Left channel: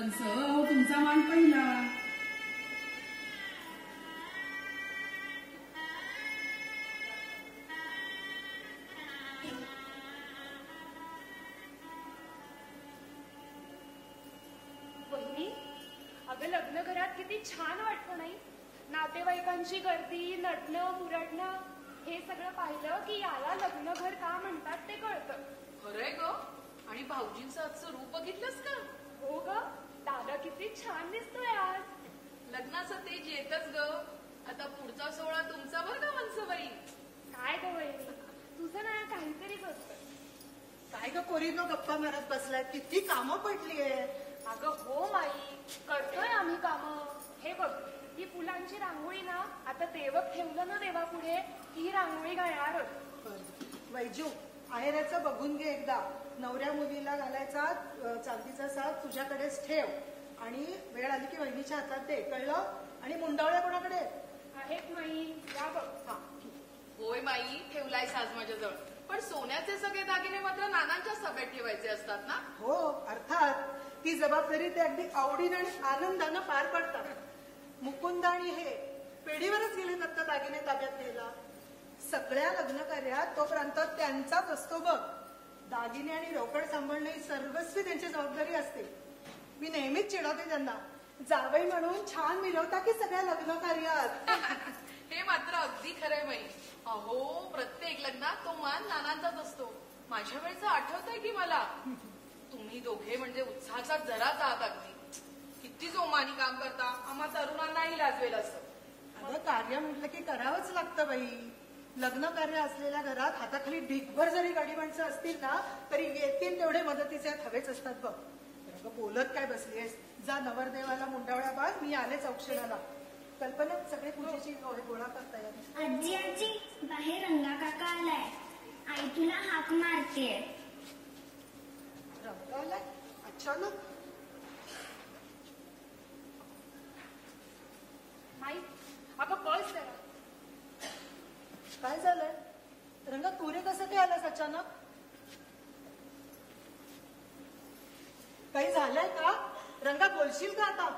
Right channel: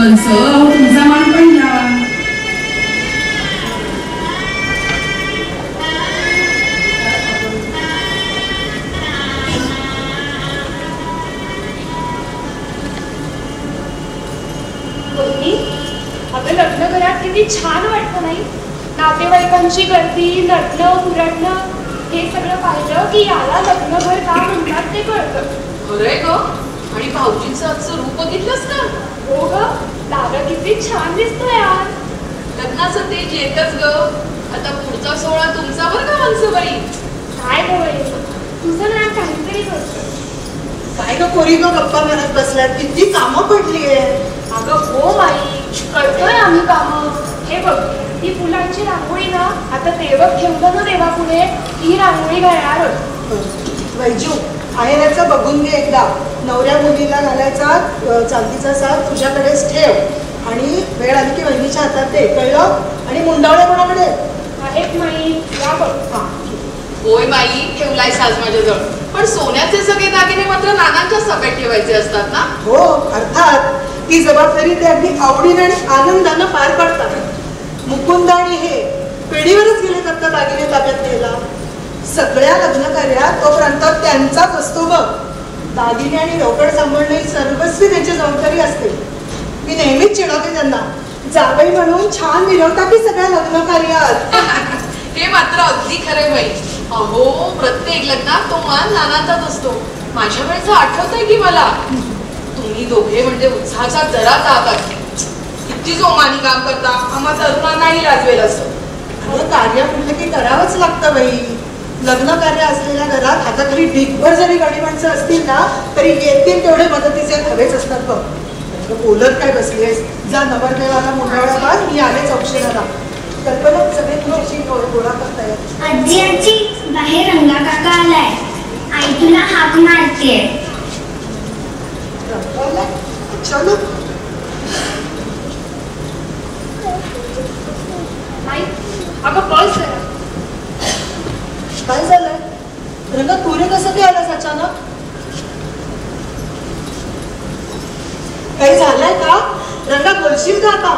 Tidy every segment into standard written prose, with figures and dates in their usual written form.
कंस तुमचा मान पडला. अगं लग्न घरात किती छान वाटतं नाही. नातेवाईकांची गर्दी, नटणं कुरटणं हे सगळं पाहिलं की याला लग्न घर का म्हणतात ते कळतं. खरंय ग. आणि भाऊजींचं आजचं रूप बघितलंस का? हो ग, दादा किती छान दिसतोय यार. लग्नाचं तेज येतच ग. आता पुढचा सोहळा तुमचा बरं का हंसबाई. काय गं तुझं ना काहीतरी करतं. काय ग पोरी ग गप्पा मारत बसल्यात, किती कामं पडलीये. अगं हो बाई, करतोय आम्ही कामं. हे बघ, ती फुलांची रांगोळी ना आता देवक ठेवलं ना देवापुढे, ही रांगोळी घालणार. वैजू आहेराचं बघून घे एकदा. नवऱ्या मुलीला घालायचा चांदीचा साज तुझ्याकडेच ठेव आणि वेळ आली की वहिनीच्या हातात दे, कळलं? आणि मुंडावळ्या कोणाकडे आहेत माई? या बघ. होय बाई, ठेवलाय साज माझ्याजवळ. पण सोन्याचे सगळे दागिने मात्र नानांच्या सगळ्यात ठेवायचे असतात ना? हो अर्थात. ही जबाबदारी ते अगदी आवडीने आणि आनंदानं पार पाडतात. मुकुंद आणि हे पेढीवरच गेले तर दागिने ताब्यात घ्यायला. सगळ्या लग्न कार्यात तोपर्यंत त्यांचाच असतो बघ. दागिने आणि रोकड सांभाळणे ही सर्वस्वी त्यांची जबाबदारी असते. मी नेहमीच चिडवते त्यांना, जावई म्हणून छान मिरवता की सगळ्या लग्न कार्यात. हे मात्र अगदी खरे बाई. अहो, प्रत्येक लग्नात तो मान नानांचाच असतो. माझ्या वेळेचं आठवतंय की मला. तुम्ही दोघे म्हणजे उत्साहाचा जराच आहात. किती जोमानी काम करता. आम्हा तरुणांनाही लाजवेल असं. कार्य म्हटलं की करावंच लागतं बाई. लग्न कार्य असलेल्या घरात हाताखाली ढिगभर जरी गाडी माणसं असतील ना तरी येतील तेवढे मदतीचे हवेच असतात बघ. बोलत काय बसलीस? जा नवरदेवाला मुंडावळा बांध, मी आलेच औक्षणाला. कल्पना सगळे तुझ्याशी गोळा करताय. आजी आजी, बाहेर रंगा काका आलाय. आई तुला हाक मारतेय. चलो. अगं बस. काय झालंय रंगा? तू कसं काय आलास अचानक? काही झालंय का रंगा? बोलशील का आता?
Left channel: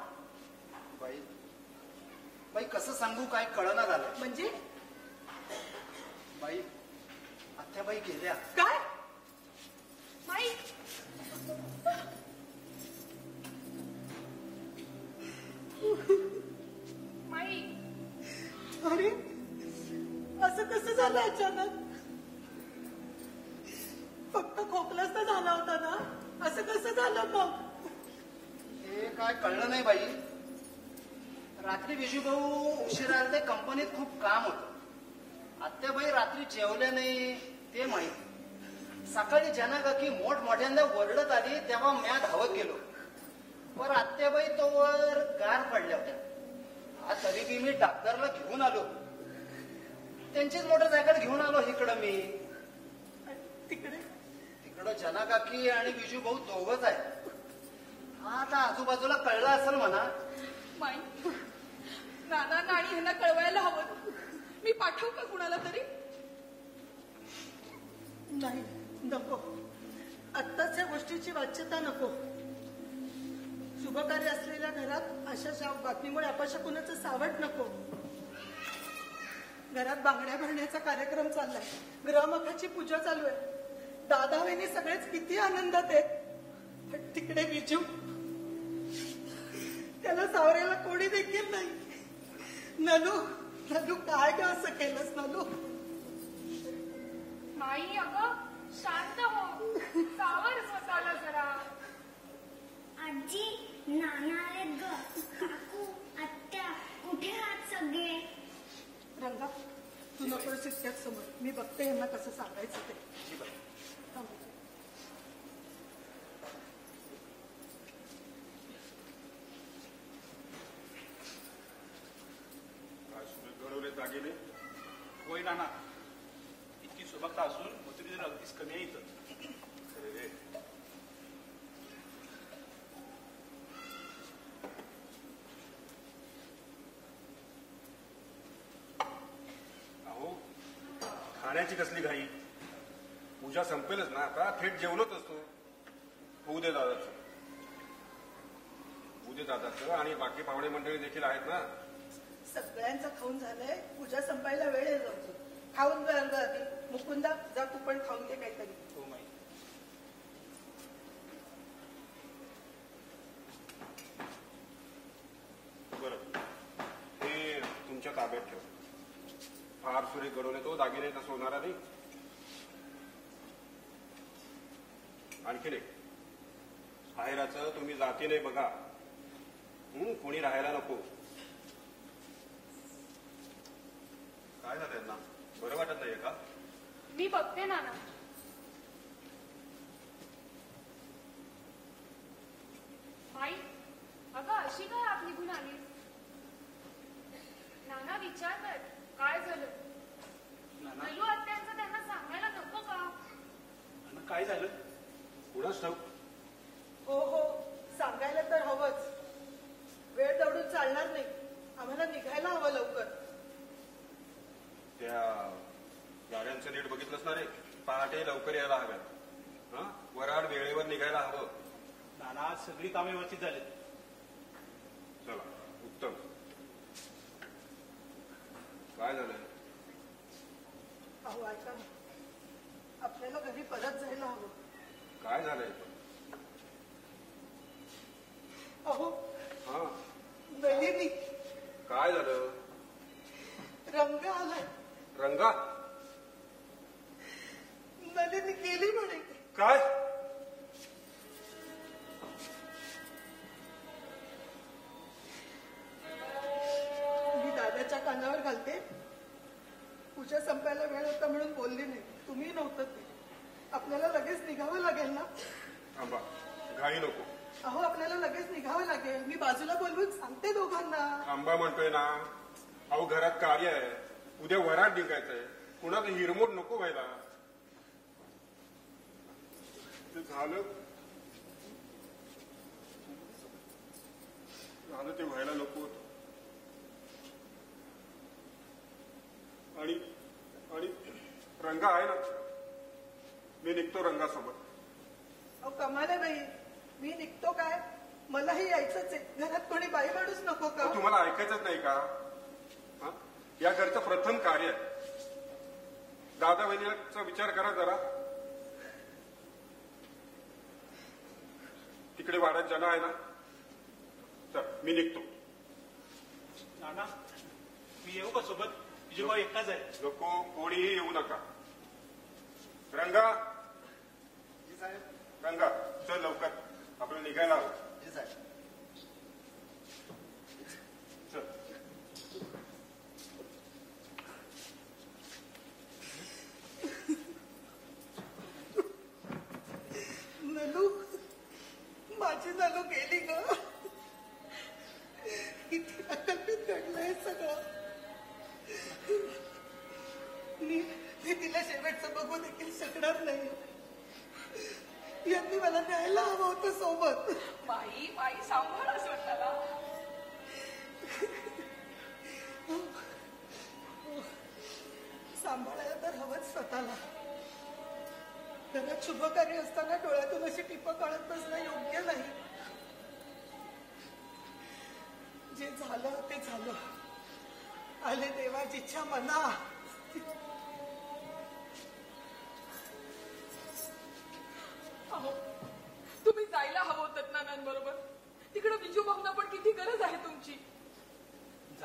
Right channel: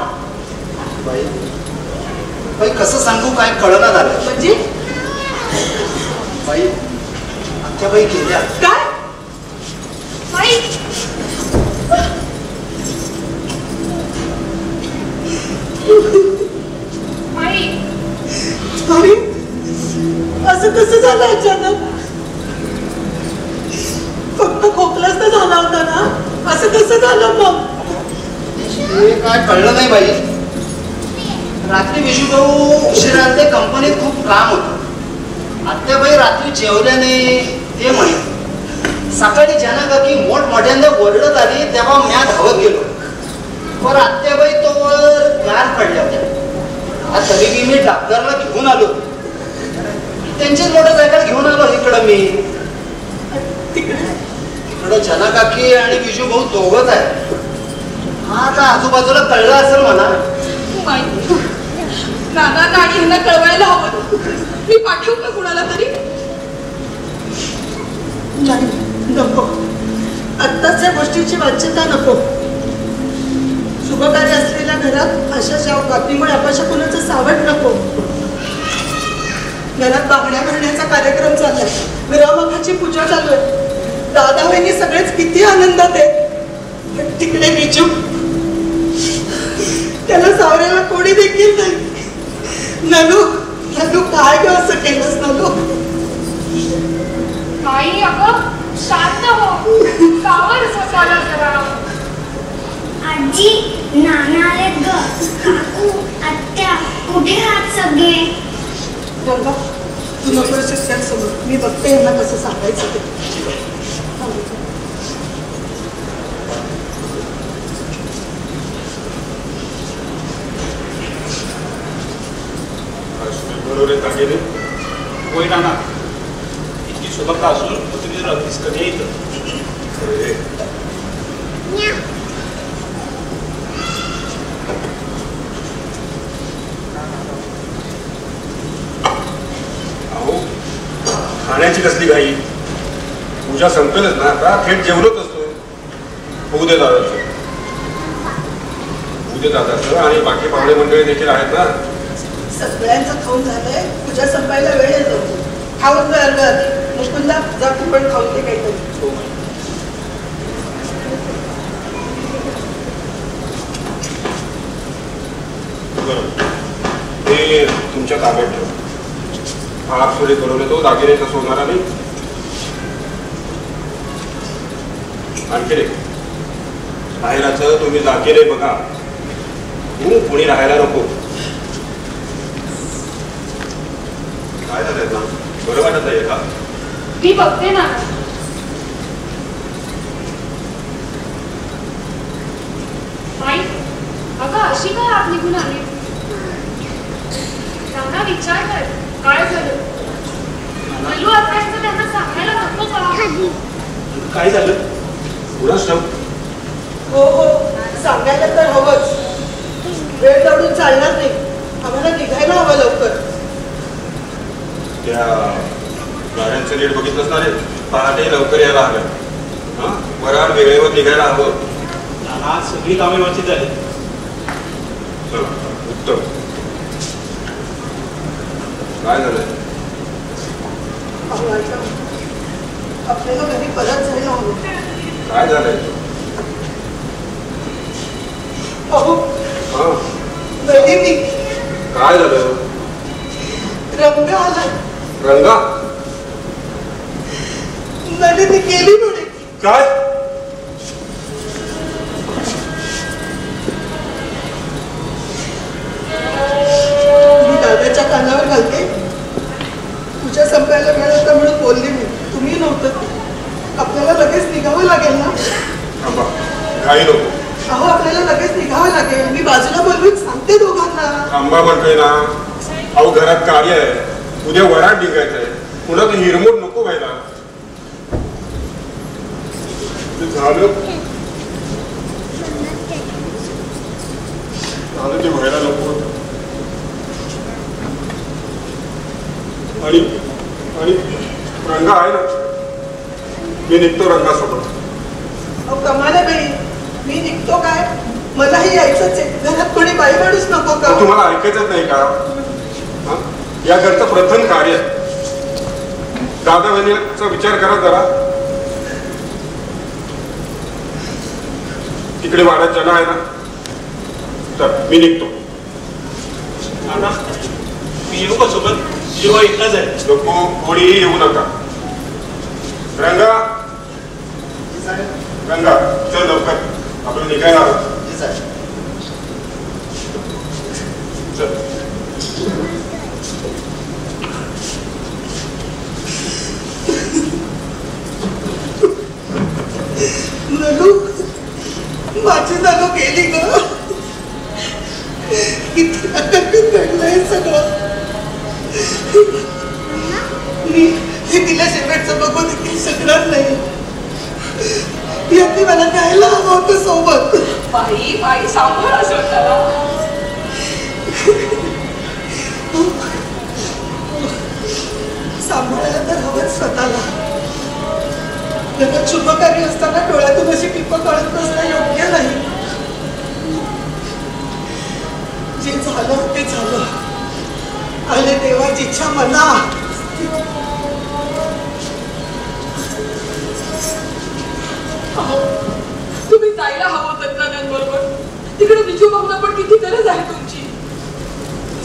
बाई बाई कसं सांगू, काय कळना झालं. म्हणजे बाई आमच्या बाई गेल्या. काय? माई माई अरे असं कसं झालं अचानक? फक्त खोकलाच तर झाला होता ना, असं कसं झालं मग? हे काय कळलं नाही बाई. रात्री विशूभाऊ उशिरा आले, कंपनीत खूप काम होतं. आत्याबाई रात्री जेवल्या नाही ते म्हणे. सकाळी ज्यांना का की मोठमोठ्यांदा ओरडत आली तेव्हा म्या धावत गेलो. पण आत्याबाई तोवर गार पडल्या होत्या. तरी मी डॉक्टरला घेऊन आलो. त्यांचीच मोटरसायकल घेऊन आलो इकडं मी. तिकडं जना काकी आणि विजू भाऊ दोघच आहे. हा आता आजूबाजूला कळलं असेल मला. नाना आणि ह्यांना कळवायला हवं. मी पाठवू का कुणाला तरी? नाही नको, आत्ताच या गोष्टीची वाच्यता नको. शुभकार्य असलेल्या घरात अशा बातमीमुळे अपशा कुणाचं सावट नको. घरात बांगड्या भरण्याचा कार्यक्रम चाललाय, विरामकाची पूजा चालू आहे. दादा वहिनी सगळेच किती आनंदात आहेत. तिकडे विजू, त्याला सावऱ्याला कोणी देखील नाही. नलू नलू काय ग असं केलंस नलू? नाही अगं शांत हो. सावर स्वतःला जरा. आजी नाना आलेत ग. काकू आत्या कुठे आहात सगळे? गंगा तू नको समोर, मी बघते यांना कसं सांगायचं ते. दागिने होय नाना, इतकी सुबकता असून तुम्ही अगदीच कधी येतं. अहो खाण्याची कसली घाई? पूजा संपेलच ना आता. थेट जेवलोच असतो. होऊ दे दादाचं. तुझे दादाचं आणि बाकी पाहुणे मंडळी देखील आहेत ना. सगळ्यांचं खाऊन झालंय, तुझ्या संपायला वेळ येतो. खाऊन जा अर्ध मुकुंदा, जा तू पण खाऊन घे काहीतरी. बरोबर, ते तुमच्या ताब्यात ठेव. हात सुरे करून तो दागिने कसं होणार आणि आणखी रे बाहेरचं तुम्ही दागिने बघा, तू कोणी राहायला नको. काय झालंय ना, बरं वाटत आहे का? मी बघते ना. आई, अगं अशी काय आत निघून आली? त्यांना विचार कर, काय झालं? मल्लू असायचं त्यांना सांगायला नको का? काय झालं? पुढंच ठेव. हो हो, सांगायला तर हवंच. वेळ दौडून चालणार नाही, आम्हाला निघायला हवं लवकर. त्या गाड्यांचं नीट बघितलंच ना रे, पहाटे लवकर यायला हवं. हा, वराड वेळेवर निघायला हवं. आज सगळी कामे व्यवस्थित झाली. चला, उत्तम. काय झालंय? आपल्याला घरी परत जायला हवं. काय झालंय? अहो हा, नलिनी, काय झालं? रंग आला. रंगा? नलिनी गेली म्हणे. काय? मी दादाच्या कानावर घालते. तुझ्या संपायला वेळ होता म्हणून बोलली मी. तुम्ही नव्हतं. आपल्याला लगेच निघावं लागेल ना? थांबा, काही नको. अहो आपल्याला लगेच निघावं लागेल. मी बाजूला बोलवून सांगते दोघांना. थांबा म्हणतोय ना. अहो घरात कार्य आहे, उद्या वराड निघायचंय, पुन्हा ते हिरमोड नको व्हायला. झालं ते व्हायला नको. आणि आणि रंगा आहे ना, मी निघतो रंगासोबत. अहो कमाल आहे बाई, मी निघतो काय? मलाही यायचंच आहे. घरात कोणी बाई माणूस नको का? तुम्हाला ऐकायचंच नाही का? या घरचं प्रथम कार्य. दादा बहिणीचा विचार करा जरा. तिकडे वाड्यात जण आहे ना, तर मी निघतो. मी येऊ का सोबत? जीवा इथलाच आहे. नको, कोणीही येऊ नका. रंगा, रंगा चल लवकर, आपण निघायला आहोत. चल. नलू, माझी नलू गेली ग. किती घडलंय सगळं. मी हे तिला शेवटचं बघू देखील शकणार नाही. यांनी मला न्यायला हवं होतं सोबत. बाई बाई सांभाळा स्वतःला. सांभाळायला तर हवंच स्वतःला. लग्नात शुभकार्य असताना डोळ्यातून अशी टिप काढत बसणं योग्य नाही. जे झालं ते झालं. आले देवाची इच्छा मना. तुम्ही जायला हवं होतं नानांबरोबर. तिकडे विजू बाबूला पण किती गरज आहे तुमची.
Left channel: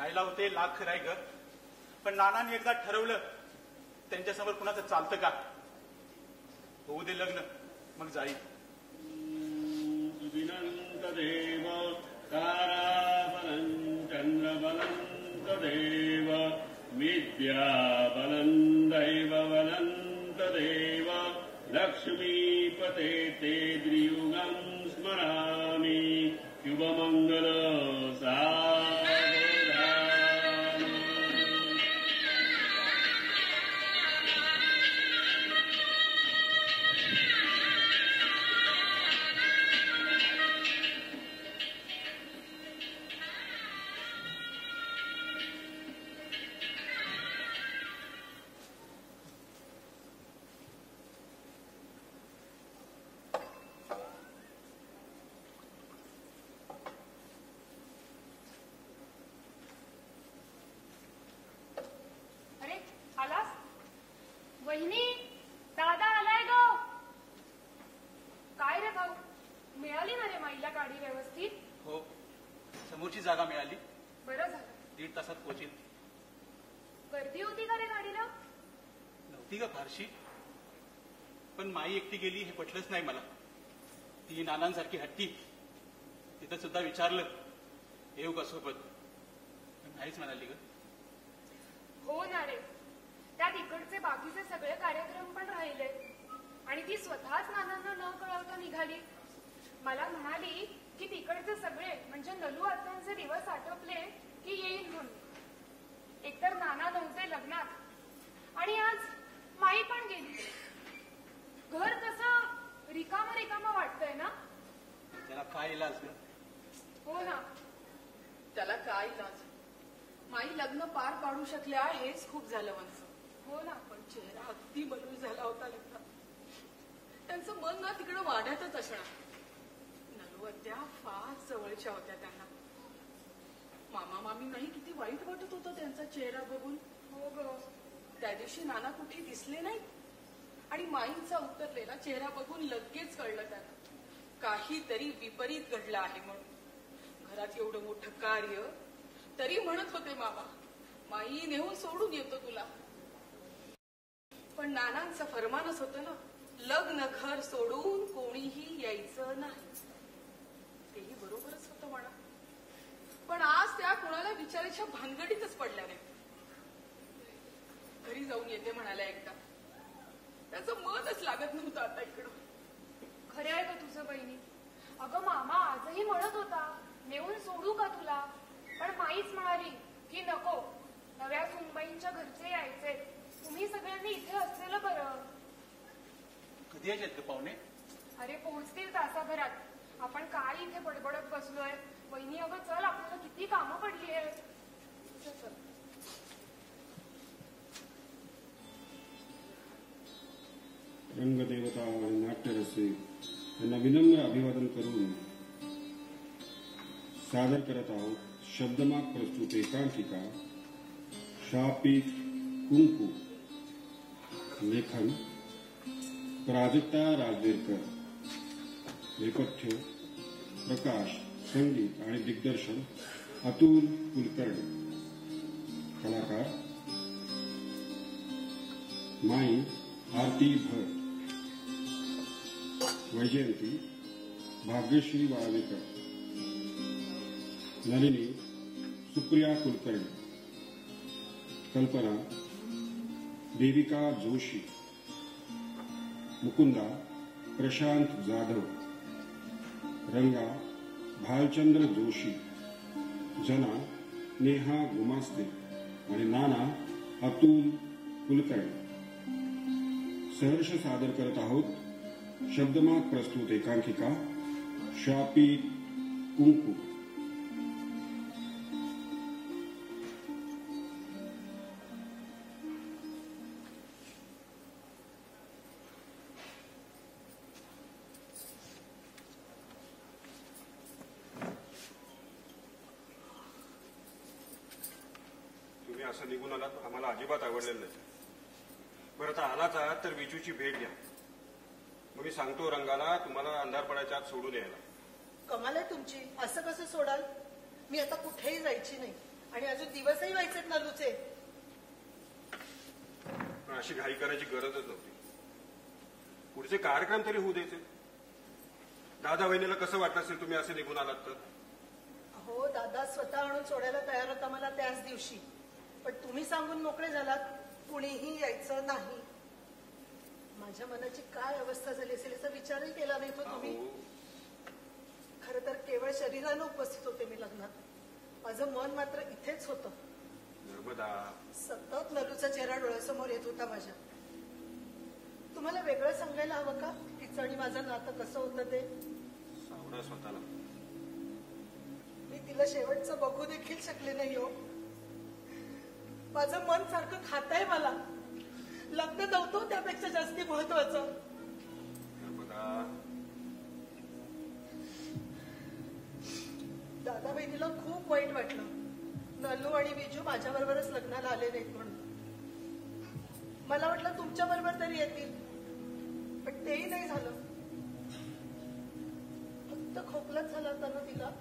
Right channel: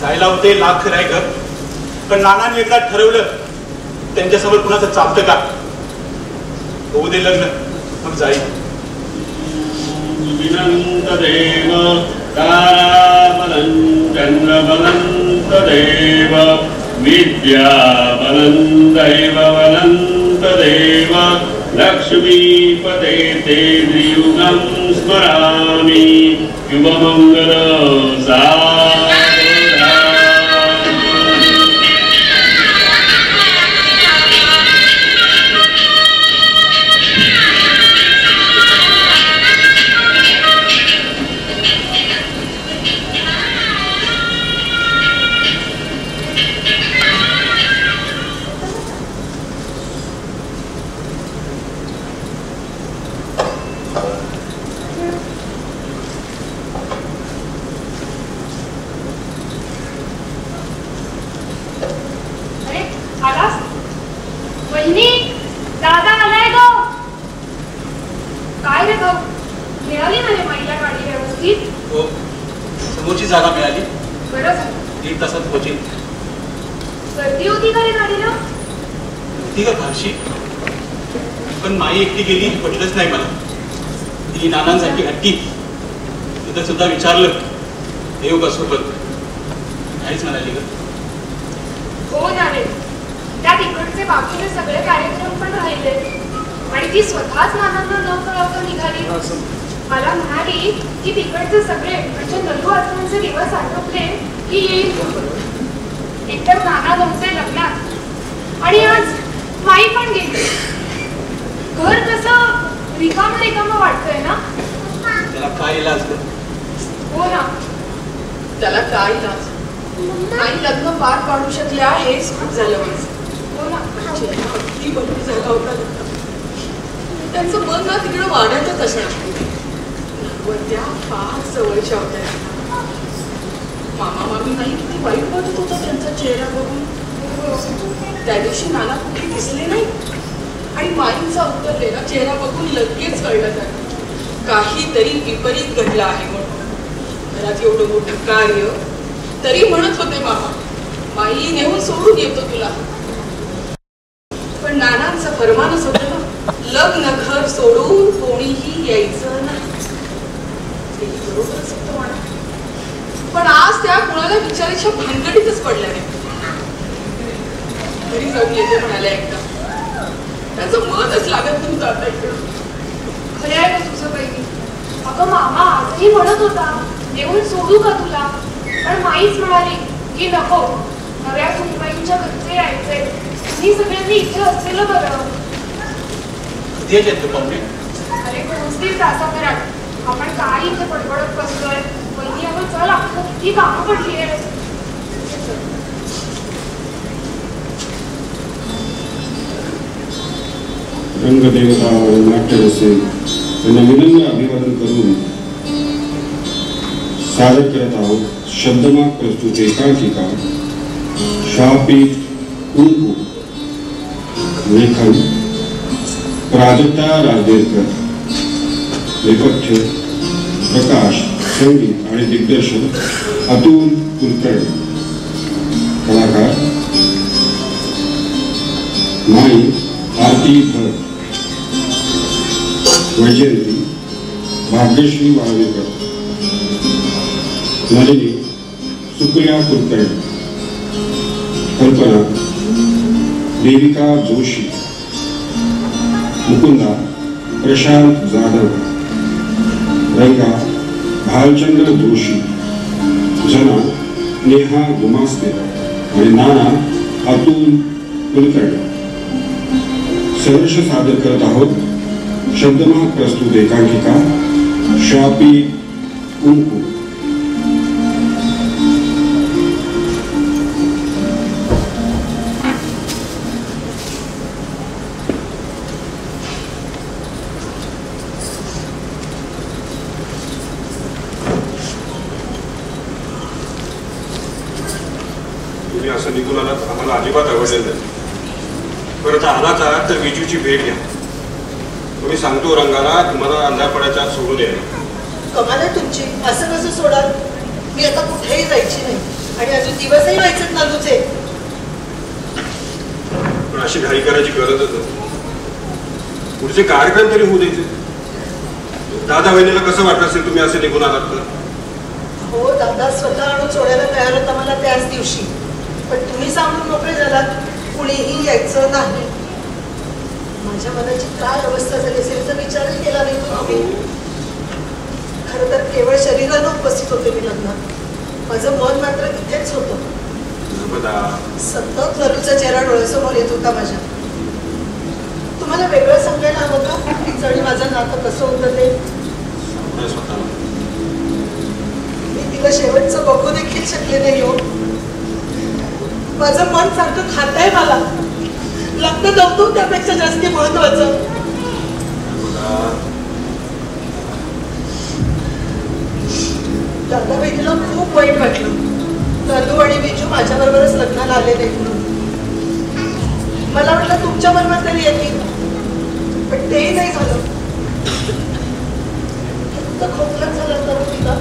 जायला होते लाख खरं आहे घर, पण नानांनी एकदा ठरवलं त्यांच्यासमोर कुणाचं चालतं का? होऊ दे लग्न, मग जाईल. विनंत देव ताराबलं चंद्रबलंत देव विद्याबलं दैवबलंत देव लक्ष्मीपते ते त्रियुगं स्मरामि युवमंगल समोरची जागा मिळाली. बरं झालं. 1 तासात पोहोचेल. गर्दी होती का रे गाडीला? होती का फारशी, पण माई एकटी गेली पटलंच नाही मला. ती नानांसाठी हट्टी. तिथं सुद्धा विचारलं येऊ का सोबत, नाहीच म्हणाली ग. हो ना रे, त्या तिकडचे बाकीचे सगळे कार्यक्रम पण राहिले आणि ती स्वतःच नानांना न कळवता निघाली. मला म्हणाली की तिकडचे सगळे म्हणजे नलू आत्मांचे दिवस आटोपले की येईल. एकतर नाना नव्हते लग्नात आणि आज माई पण गेली. घर कसं रिकामं रिकामं वाटतंय ना. त्याला काय इलाज ग? हो ना. त्याला काय इलाज? आई लग्न पार पाडू शकल्या हेच खूप झालं माझं. हो ना. अगदी बंदी झाला होता. त्यांचं मन ना तिकडं वाढतच असणार. त्या फार जवळच्या होत्या. मामा मामी नाही किती वाईट वाटत होता त्यांचा चेहरा बघून. त्या दिवशी नाना कुठे दिसले नाही आणि माईंचा उतरलेला चेहरा बघून लगेच कळलं त्याला काहीतरी विपरीत घडलं आहे म्हणून. घरात एवढं मोठं कार्य तरी म्हणत होते मामा माई नेऊन सोडून येतो तुला. पण नानांचं फरमानच होतं ना, लग्न घर सोडून कोणीही यायचं नाही. बरोबरच होतं म्हणा. पण आज त्या कुणाला विचारायच्या भानगडीतच पडल्या नाही. तरी जाऊन येते म्हणाल्या एकदा. त्याचं मनच लागत नव्हतं आता इकडं. खरं आहे का तुझं बहिणी? अगं मामा आजही म्हणत होता येऊन सोडू का तुला, पण माईच म्हणाली की नको, नव्या सुनबाईंच्या घरचे यायचे, तुम्ही सगळ्यांनी इथे असलेलं बरं. अरे पोहोचतील तासाभरात. आपण काय इथे पडपडत बसतोय. बहिणी अगं चल, आपलं किती कामं पडली आहे. रंगदेवता नाट्यरसे त्यांना विनम्र अभिवादन करून सादर करत आहोत शब्दमाग प्रस्तुत एकांकिका शापीत कुंकू. लेखन प्राजक्ता राजदेरकर. नेपथ्य प्रकाश, संगीत आणि दिग्दर्शन अतुल कुलकर्णी. कलाकार माई आरती भट, वैजयंती भाग्यश्री वाळवेकर, नलिनी सुप्रिया कुलकर्णी, कल्पना देविका जोशी, मुकुंदा प्रशांत जाधव, रंगा भालचंद्र जोशी, जना नेहा गुमास्ते आणि नाना अतुल कुलकर्णी. सहर्ष सादर करत आहोत शब्दमाग प्रस्तुत एकांकिका शापी कुंकू. तुम्ही असं निघून आलात आम्हाला अजिबात आवडलेलं नाही. परत आलाच आहात तर विजूची भेट घ्या. तुम्ही सांगतो रंगाला तुम्हाला अंधार पडायच्या आत सोडून द्या. कमाल आहे तुमची. असं कसं सोडाल? मी आता कुठेही जायची नाही आणि अजून दिवसही व्हायचेत नालूचे. पण अशी घाई करायची गरजच नव्हती. पुढचे कार्यक्रम तरी होऊ द्यायचे. दादा बहिणीला कसं वाटलं असेल तुम्ही असे निघून आलात तर? हो, दादा स्वतः आणून सोडायला तयार होता मला त्याच दिवशी. पण तुम्ही सांगून मोकळे झालात कुणीही यायचं नाही. माझ्या मनाची काय अवस्था झाली असेल याचा विचारही केला नाही तुम्ही. खरं तर केवळ शरीरानं उपस्थित होते मी लग्नात. माझं मन मात्र इथेच होतं. सतत नलूचा चेहरा डोळ्यासमोर येत होता माझ्या. तुम्हाला वेगळं सांगायला हवं का तिचं आणि माझं नातं कसं होतं ते? मी तिला शेवटचं बघू देखील शकले नाही हो. माझं मन सारखं खातंय मला. लग्न नव्हतं त्यापेक्षा जास्त महत्वाचं. दादा बहिणीला खूप वाईट वाटलं. नलू आणि विजू माझ्या बरोबरच लग्नाला आले नाही म्हणून. मला वाटलं तुमच्या बरोबर तरी येतील, पण तेही नाही झालं. फक्त खोकला झाला तर तिला.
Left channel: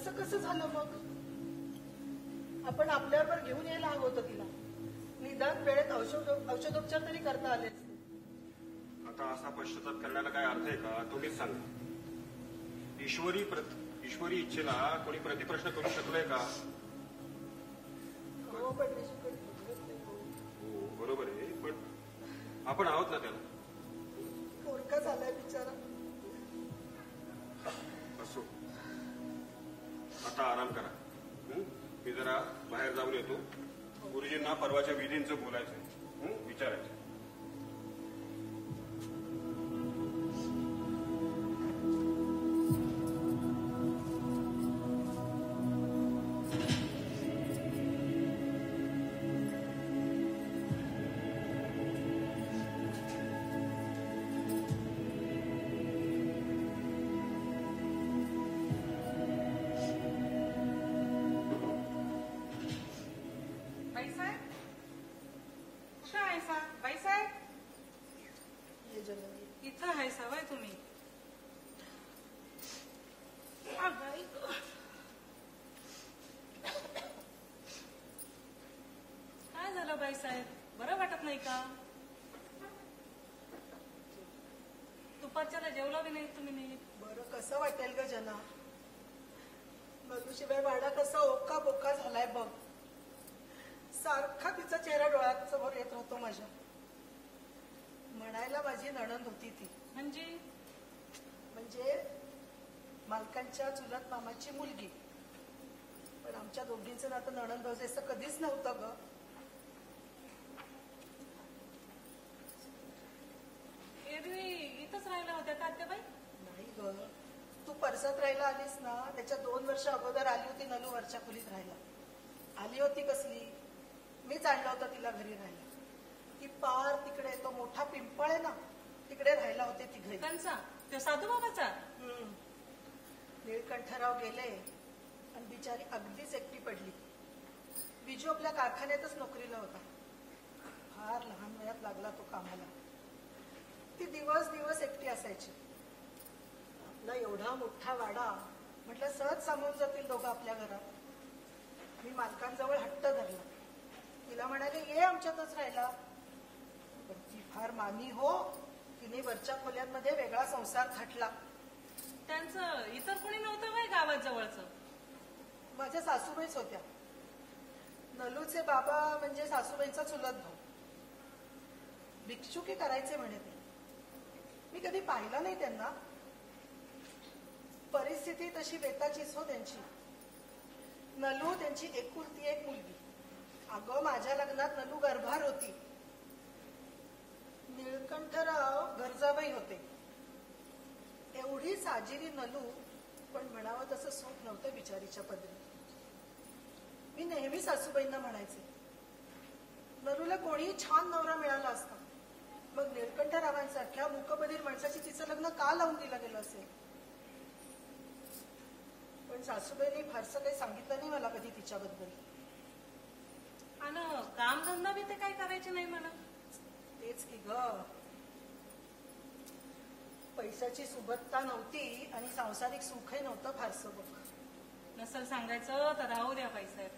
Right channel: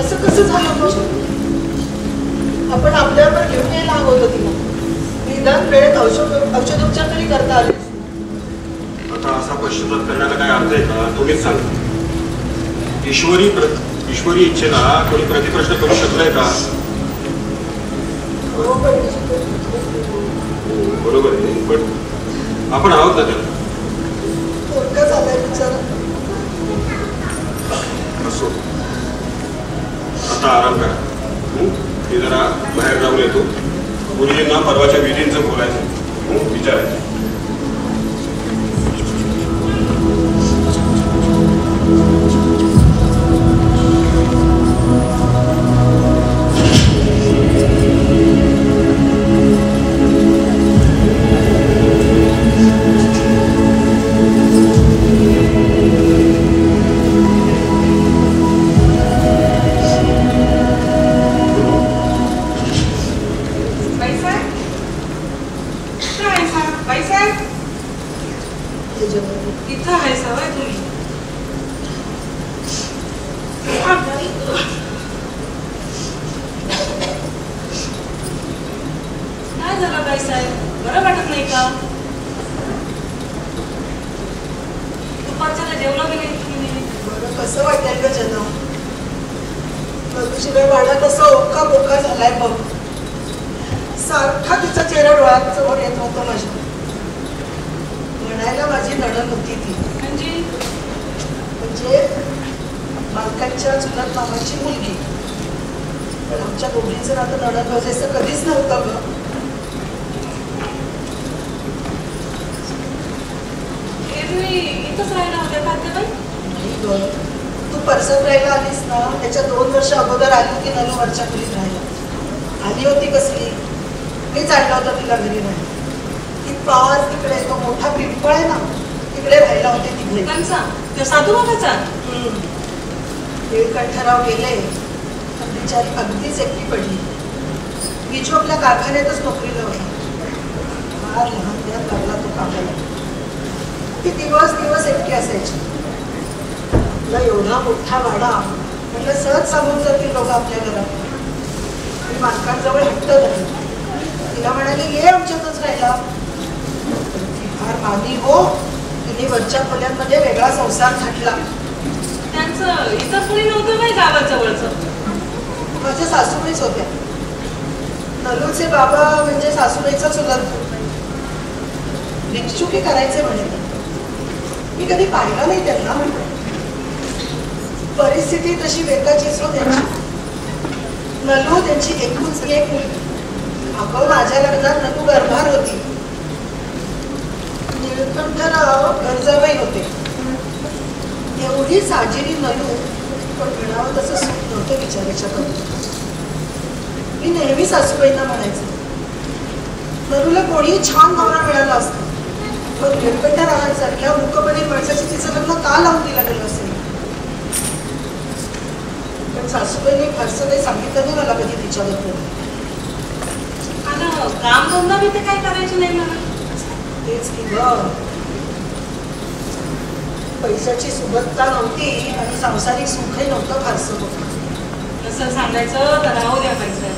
असं कसं झालं मग? आपण आपल्यावर घेऊन यायला हवं होतं तिला. निदान वेळेत औषधोपचार तरी करता आले. आता असा पश्चाताप करण्याला काय अर्थ आहे का? तुम्हीच सांगा. ईश्वरी इच्छेला कोणी प्रतिप्रश्न करू शकलाय का? बरोबर आहे, पण आपण आहोत ना त्याला. असो, आता आराम करा. मी जरा बाहेर जाऊन येतो. गुरुजींना परवाच्या विधींचं बोलायचं, विचारायचं. परिस्थिती तशी वेगाचीच हो त्यांची. नलू त्यांची एकूणच एक मुलगी. अगं माझ्या लग्नात नलू गर्भार होती. निळकंठराव गरजाबाई होते. एवढी साजिरी नलू, पण म्हणावं तसं सुख नव्हतं विचारायच्या करून. मी नेहमी सासूबाईंना म्हणायचे, नलूला कोणी छान नवरा मिळाला असता, पण निळकंठरावांसारख्या मूकबधीर माणसाची तिचं लग्न का लावून दिलं गेलं असेल. पण सासूबाईंनी फारसं काही सांगितलं नाही मला कधी तिच्याबद्दल. काम धंदा मी ते काय करायचे नाही मला. तेच की ग, पैशाची सुबत्ता नव्हती आणि सांसारिक सुखही नव्हतं फारसं होतं. तसं सांगायचं तर राहू द्या पैसा.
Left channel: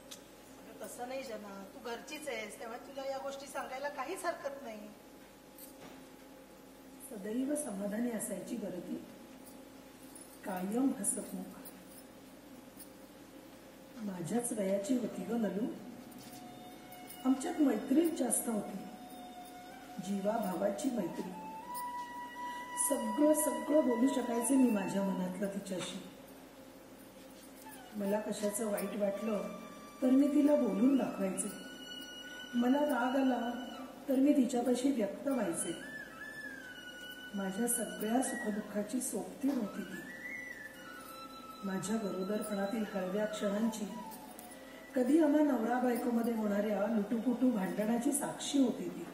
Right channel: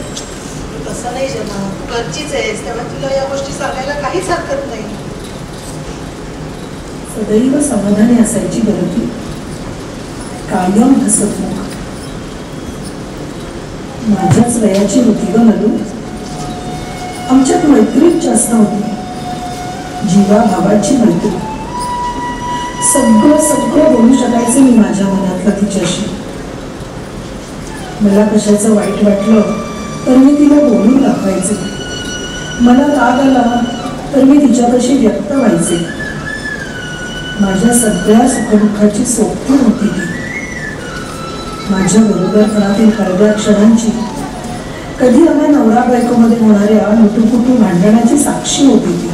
तसं नाही जना, तू घरचीच आहेस, त्यामुळे तुला या गोष्टी सांगायला काहीच हरकत नाही. सदैव समाधानी असायची गरज, कायम हसतमुख. माझ्याच वयाची होती ग नलू. आमच्यात मैत्रीच जास्त होती, जीवा भावाची मैत्री. सगळं सगळं बोलू शकायचं मी माझ्या मनातलं तिच्याशी. मला कशाचं वाईट वाटलं तर मी तिला बोलून दाखवायचे. मला राग आला तर मी तिच्यापाशी व्यक्त व्हायचे. माझ्या सगळ्या सुखदुःखाची सोबती होती ती. माझ्या बरोबरपणातील हळव्या क्षणांची, कधी आम्हा नवरा बायकोमध्ये होणाऱ्या मुटुकुटू भांडणाची साक्षी होती ती.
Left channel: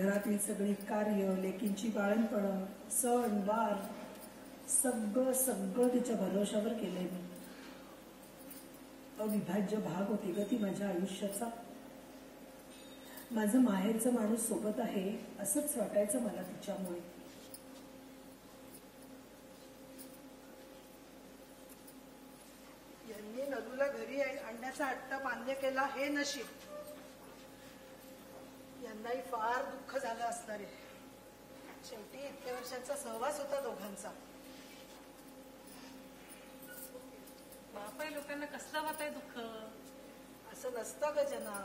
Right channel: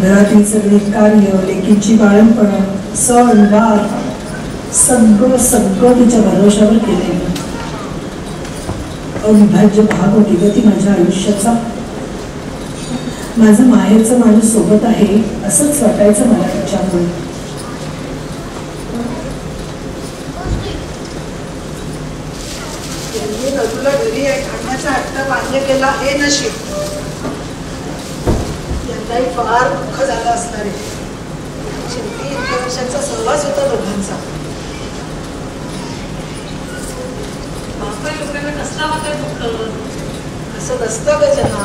घरातील सगळी कार्य, लेकींची बाळणपणं, सण वार, सगळं सगळं तिच्या भरोशावर केलेलं. अविभाज्य भाग होती ग ती माझ्या आयुष्याचा. माझं माहेरचं माणूस सोबत आहे असंच वाटायचं मला तिच्यामुळे. यांनी नदूला घरी आणण्याचा हट्ट मान्य केला हे नशीब. यांनाही फार दुःख झालं असणार आहे. शेवटी इतक्या वर्षांचा सहवास होता दोघांचा. बापरे, लोकांना कसला होता दुःख? असं नसतं ग जना.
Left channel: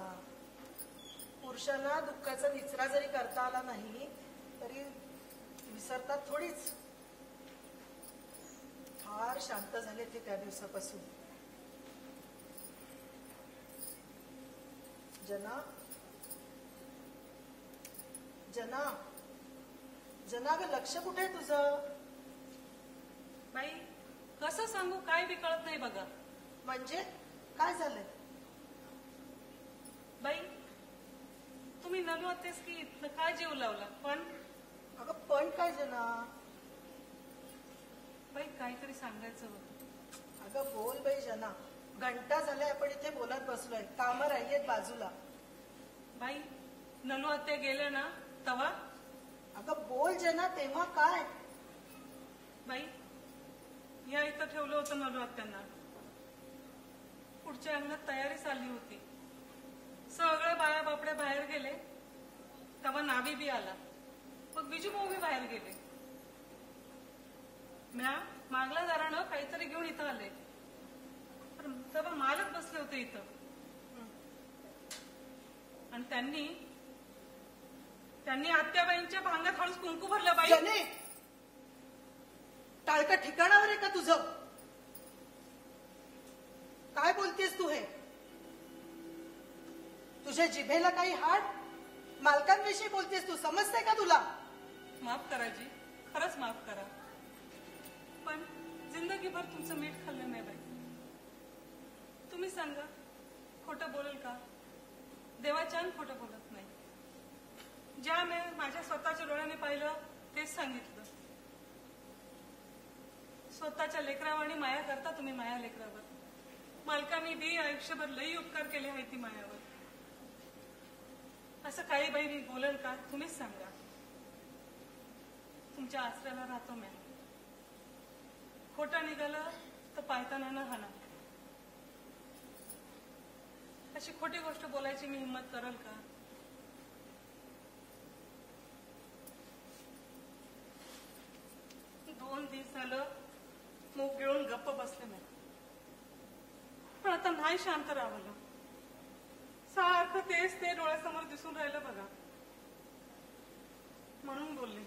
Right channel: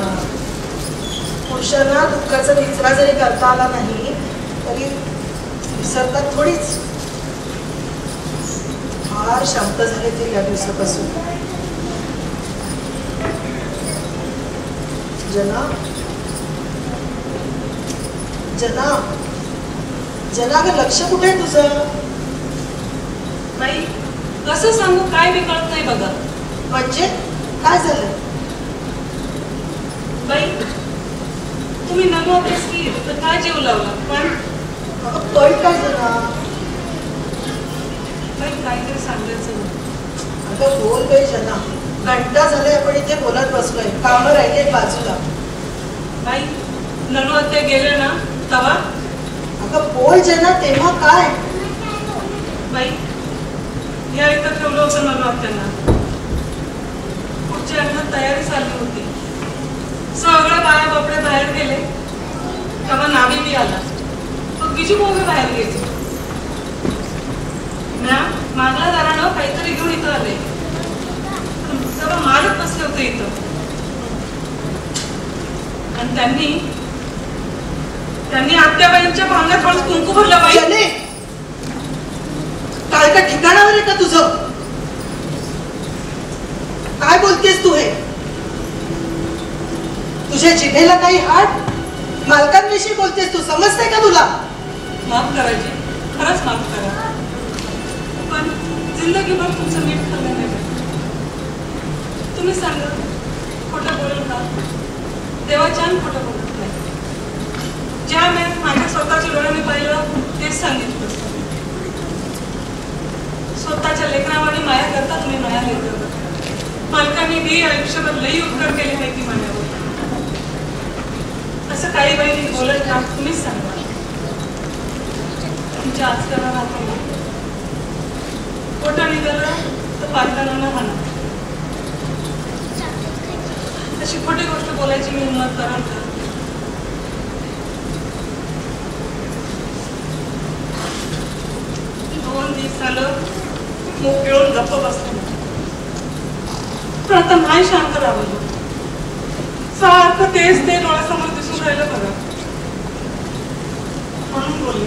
पुरुषांना दुःखाचा निचरा जरी करता आला नाही तरी विसरतात थोडीच. फार शांत झाले ते या दिवसापासून. जना जना जना ग, लक्ष कुठे आहे तुझं? बाई, कसं सांगू, काय बी कळत नाही बघा. म्हणजे काय झालं? बाई, तुम्ही नमो अभ्यास की तर काय जीव लावला? पण पण काय जना? बाई, काहीतरी सांगायचं. अगं बोल बाई जना. घंटा झाले आपण इथे बोलत बसलोय, कामं राहिले बाजूला. बाई, ननू ते गेले ना तवा. अगं बोल जना, तेव्हा काय? बाई, या इथं ठेवलं होतं ननू त्यांना. पुढच्या अन्नात तयारी चालली होती. सगळं बाया बापडे बाहेर गेले तेव्हा नावी बी आला. मग बिजू मोगे बाहेर गेले ना. मागला दारानं काहीतरी घेऊन इथं आले. तेव्हा मारत बसले होते इथं. आणि त्यांनी आत्याबाईंच्या भांड्यात हळूच कुंकू भरलं. बाई, काय का ठिकाणावर आहे का तुझं? काय बोलतेस तू? हे तुझ्या जिभेला काही हात? मालकांविषयी बोलतेस तू, समजते का तुला? माफ करायची, खरंच माफ करा. पण जिंदगीभर तुमचं मीठ खाल्लं नाही. तुम्ही सांगा, खोटं बोलू का? देवाच्यान खोटं बोलत नाही. ज्या मी माझ्या स्वतःच्या डोळ्याने पाहिलं तेच सांगितलं. स्वतःच्या लेकरावाने माया करता तुम्ही माया लेकर. मालकांनी बी आयुष्यभर लई उपकार केले माहिती माझ्यावर. असं काही बाई बोलत ना, तुम्हीच सांगा. तुमच्या आजकाला राहतो खोटा निघाला तर पालकांना म्हणा. अशी खोटी गोष्ट बोलायची मी हिंमत कराल का? दोन दिवस झालं मूग गिळून गप्प बसले. पण आता नाही शांत राहावं. सारखं तेच ते डोळ्यासमोर दिसून राहिलं बघा. म्हणून बोलले.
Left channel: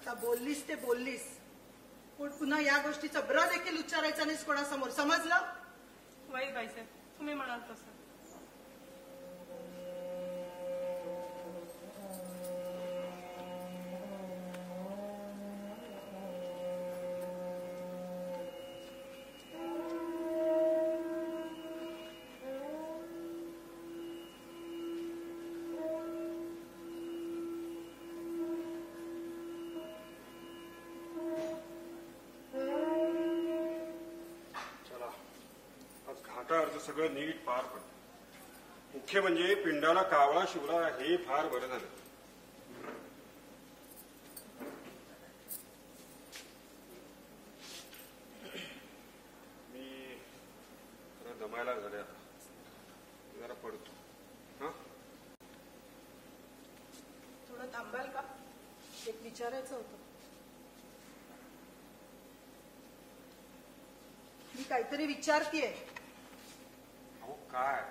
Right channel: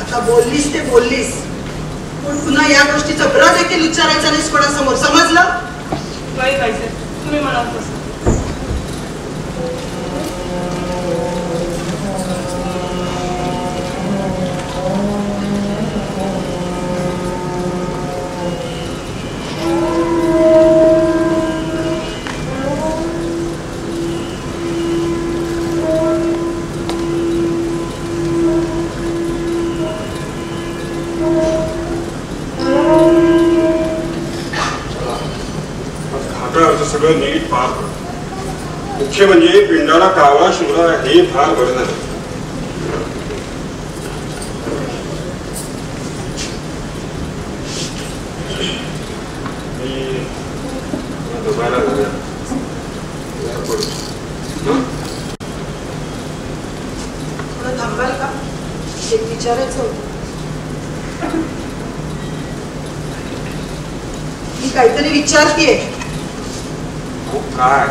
आता बोललीस ते बोललीस, पण पुन्हा या गोष्टीचा ब्र देखील उच्चारायचा नाहीस कोणासमोर, समजलं? काही पाहिजे तुम्ही म्हणाल तसं. सगळं नीट पार पडतं. मुख्य म्हणजे पिंडाला कावळा शिवला हे फार बरं झालं. थोडं थांबाल का? एक विचारायचं होतं. मी काहीतरी विचारतेय. काय?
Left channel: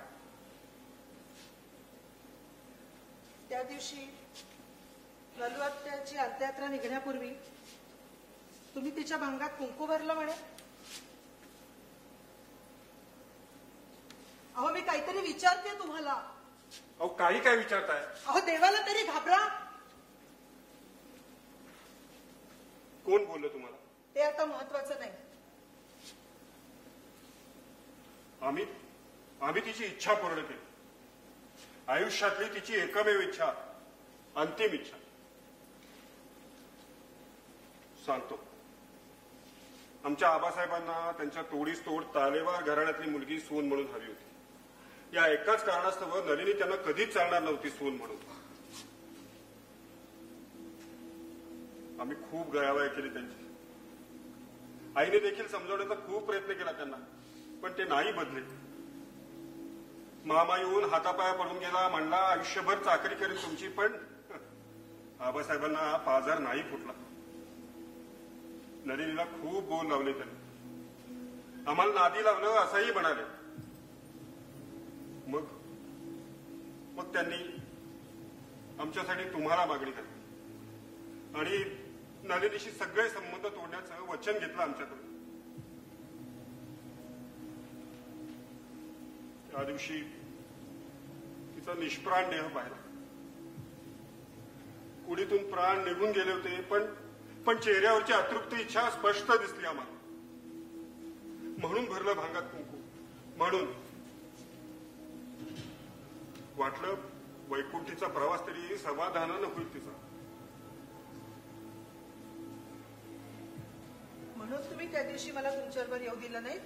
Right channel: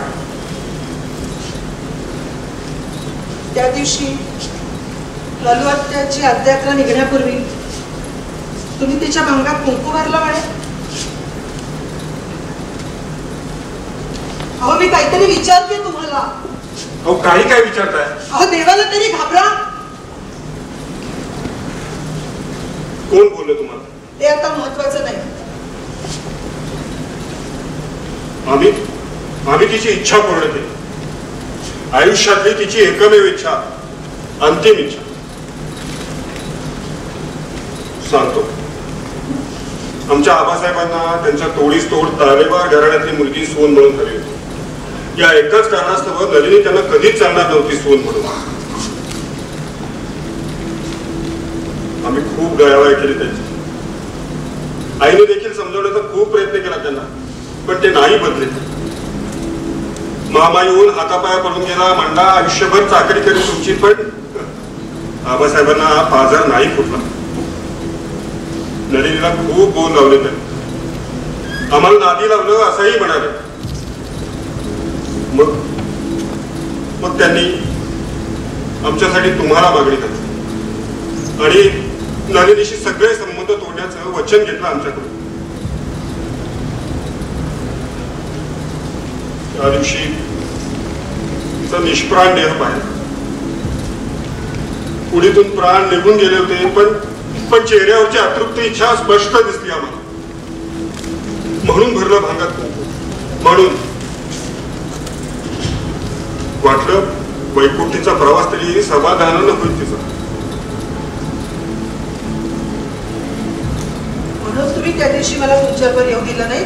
त्या दिवशी ललुआत्याची अर्धयात्रा निघण्यापूर्वी तुम्ही तिच्या भांगात कुंकू भरला म्हणे. अहो मी काहीतरी विचारते तुम्हाला. अहो काही काय विचारताय? अहो देवाला तरी घाबरा. कोण बोललं तुम्हाला? हे आता महत्वाचं नाही. आम्ही तिची इच्छा पूर्ण केली. आयुष्यातली तिची एकमेव इच्छा, अंतिम इच्छा. सांगतो, आमच्या आबासाहेबांना त्यांच्या तोडीस तोड तारेवार घराण्यातली मुलगी सून म्हणून हवी होती. या एकच कारणास्तव नलिनी त्यांना कधीच चालणार नव्हती सून म्हणून. आम्ही खूप गयावया केली त्यांची. आईने देखील समजवण्याचा खूप प्रयत्न केला त्यांना, पण ते नाही बदले. मामा येऊन हातापाया पडून गेला, म्हणला आयुष्यभर चाकरी करी तुमची, पण आबासाहेबांना हा पाजार नाही फुटला. नलिनीला खूप बोल लावले त्यांनी, आम्हाला नादी लावलं असंही म्हणाले. मग त्यांनी आमच्यासाठी तुम्हाला मागणी केली आणि नलिनीशी सगळे संबंध तोडण्याचं वचन घेतलं आमच्याकडून. त्या दिवशी तिचा निष्प्राण देह पाहिला. पुढीतून प्राण निघून गेले होते, पण चेहऱ्यावरची अतृप्त इच्छा स्पष्ट दिसली आम्हाला. म्हणून भरलं भांगात कुंकू. म्हणून वाटलं वैकुंठीचा प्रवास तरी समाधानानं होईल तिचा. म्हणून तुम्ही त्या दिवशी मला तुमच्यावर येऊ दिलं नाही.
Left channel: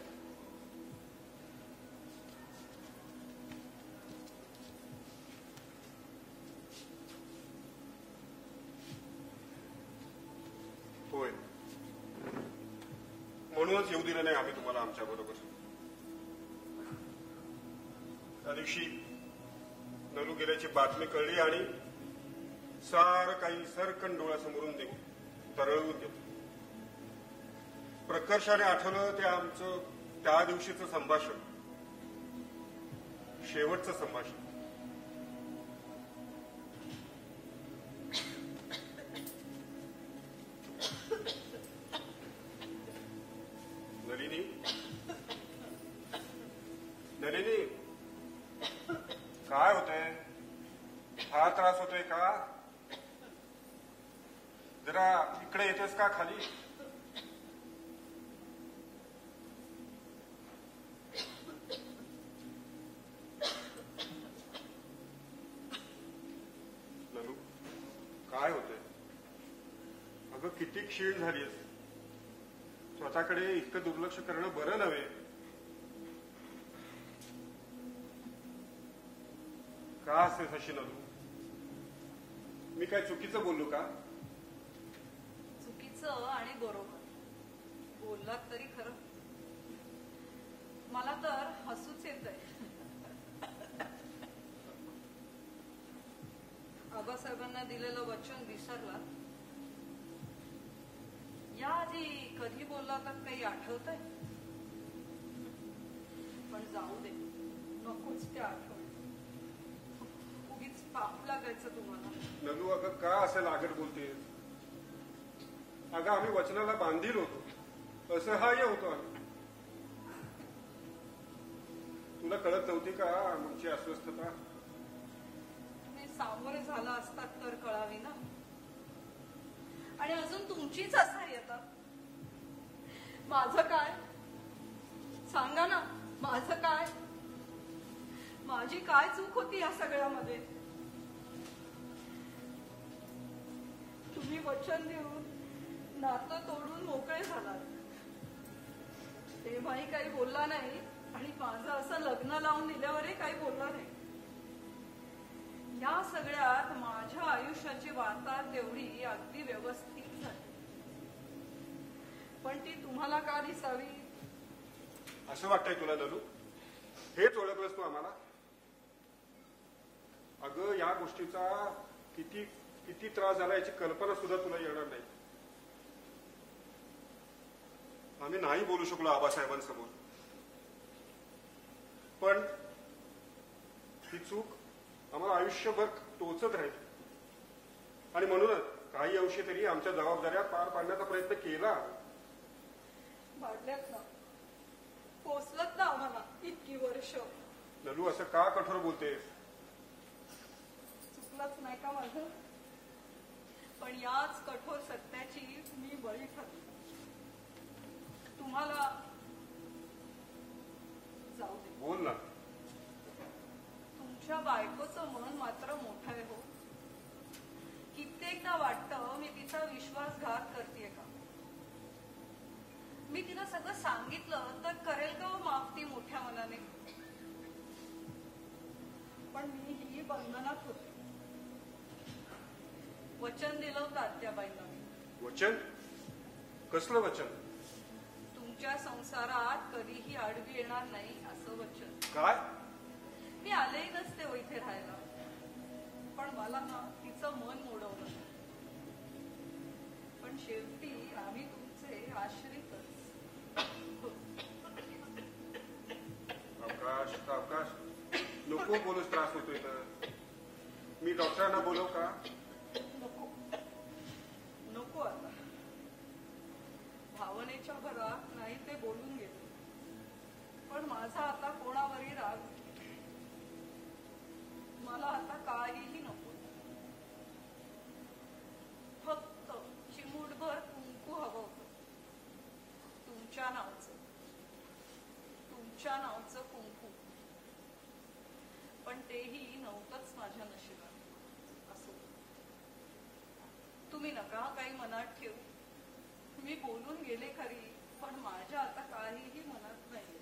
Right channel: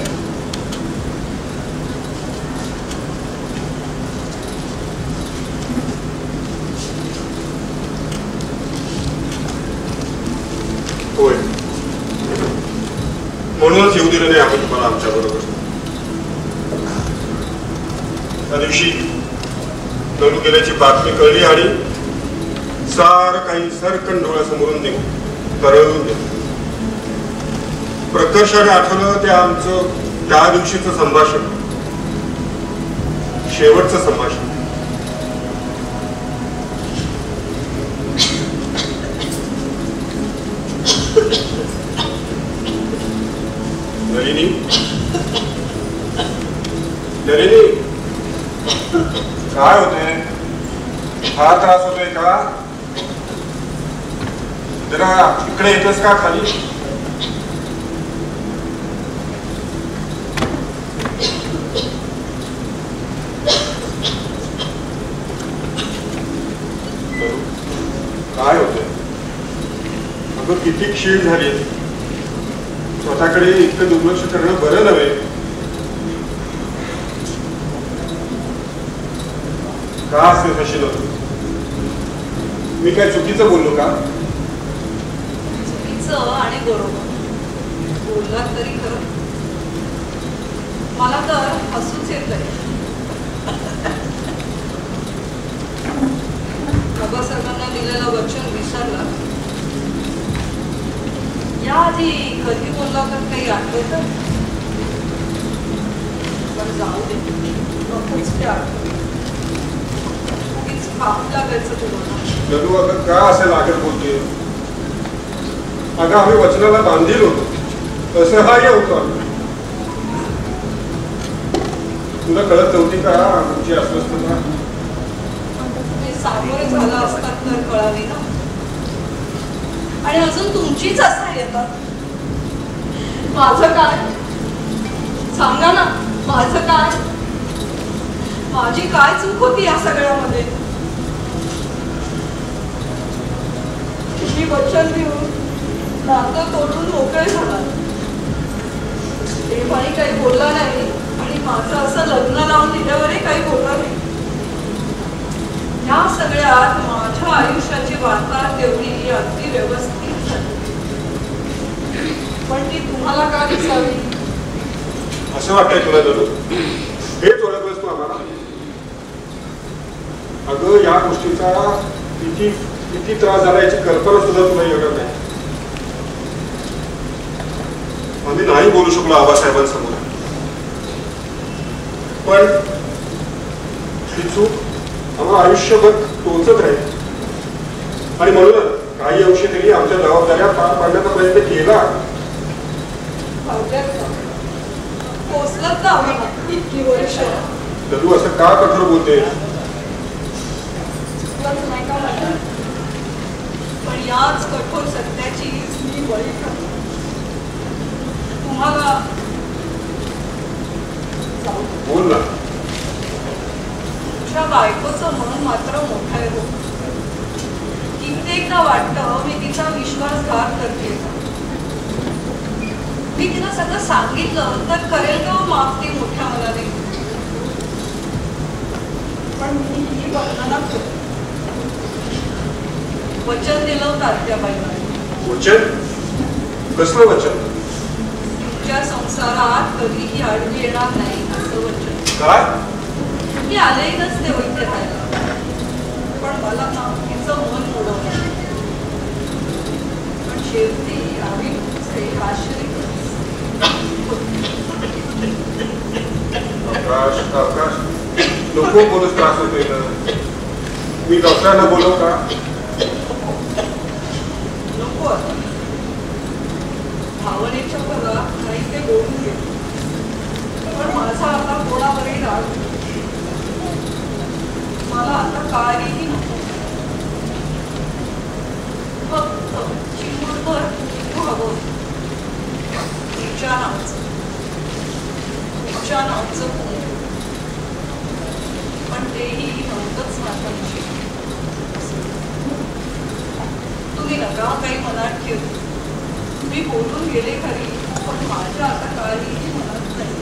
होय, म्हणूनच येऊ दिलं नाही आम्ही तुम्हाला आमच्या बरोबर. त्या दिवशी नलू गेल्याची बातमी कळली आणि सार काही सरकन डोळ्यासमोरून निघून तरळून गेलं. प्रकर्षाने आठवलं ते आमचं त्या दिवशीचं संभाषण, शेवटचं संभाषण. नलिनी, नलिनी, काय होते? हा त्रास होतोय का? जरा इकडे येतोस का खाली? काय होतंय? अगं किती क्षीण झाली. स्वतःकडे इतकं दुर्लक्ष करणं बरं नव्हे. का असेल कशी नव्हतं? मी काय चुकीचं बोललो का? चुकीचं आणि बरोबर बोललात तरी खरं. मला तर हसूच येतंय. बाबासाहेबांना दिलेलं वचन विसरला. याआधी कधी बोलला तर काही आठवतं? पण जाऊ दे, नकोच ते आठवत. लागायचं तुम्हाला. नलू, अगं का असं लागत बोलते? अगं आम्ही वचनाला बांधील होतो, तसं हा होतो आम्ही. तुला कळत नव्हती का आमची अस्वस्थता? तुम्ही सामोरे झाला असतात तर कळाली ना. आणि अजून तुमचीच असं येतात. माझं काय? सांगा ना, माझं काय? माझी काय चूक होती या सगळ्यामध्ये? मी वचन देऊन नातं तोडून मोकळे झाला. देवाही काही बोलला नाही आणि माझं असं लग्न लावून दिल्यावरही काही बोलला नाही. या सगळ्यात माझ्या आयुष्याची वार्ता तेवढी अगदी व्यवस्थित झाली. पण ती तुम्हाला का दिसावी? असं वाटतंय तुला नलू? हेच ओळखलंस तू आम्हाला? अगं या गोष्टीचा किती त्रास झाला याची कल्पना सुद्धा तुला येणार नाही. आम्ही नाही बोलू शकलो आबासाहेबांसमोर, पण ही चूक आम्हाला आयुष्यभर टोचत राहील. आणि म्हणूनच काही अंशी तरी आमच्या जबाबदाऱ्या पार पाडण्याचा प्रयत्न केला. पोचलत ना आम्हाला इतकी वर्ष. तू असं का कठोर बोलते? पण याच कठोर सत्याची मी बळी ठरली. तुम्हाला बोल ना. तुमच्या बायकोचं मन मात्र मोठं आहे हो. कित्येकदा वाटतं मी तिचा विश्वासघात करते. मी तिला सगळं सांगितलं तर करेल का माफ ती मोठ्या मनाने? पण मी ही वर्णना करते. वचन दिलं होतं आत्याबाईंना. वचन? कसलं वचन? तुमच्या संसारात कधीही आडवी येणार नाही असं वचन. काय? मी आलेही नसते वैद्य राहायला, पण मला ना तिचं मन मोडवलं. पण शेवटी आम्ही तुमचे आश्रय. आकाश नको बोलूच, त्रास होतोय ना. मी डॉक्टरांना बोलव का? नको आता. भावनेच्या भरात काही ते बोलून गेले, पण माझा आता कोणावरही राग नाही. मला आता काहीही नको. फक्त चिमूटभर हवं तुमच्या नावाचं पण तेही नव्हतंच माझ्याविषयी. तुम्ही नका काही मनात ठेवू. मी बोलून गेले खरी, पण माझ्या आता काहीही मनात नाही.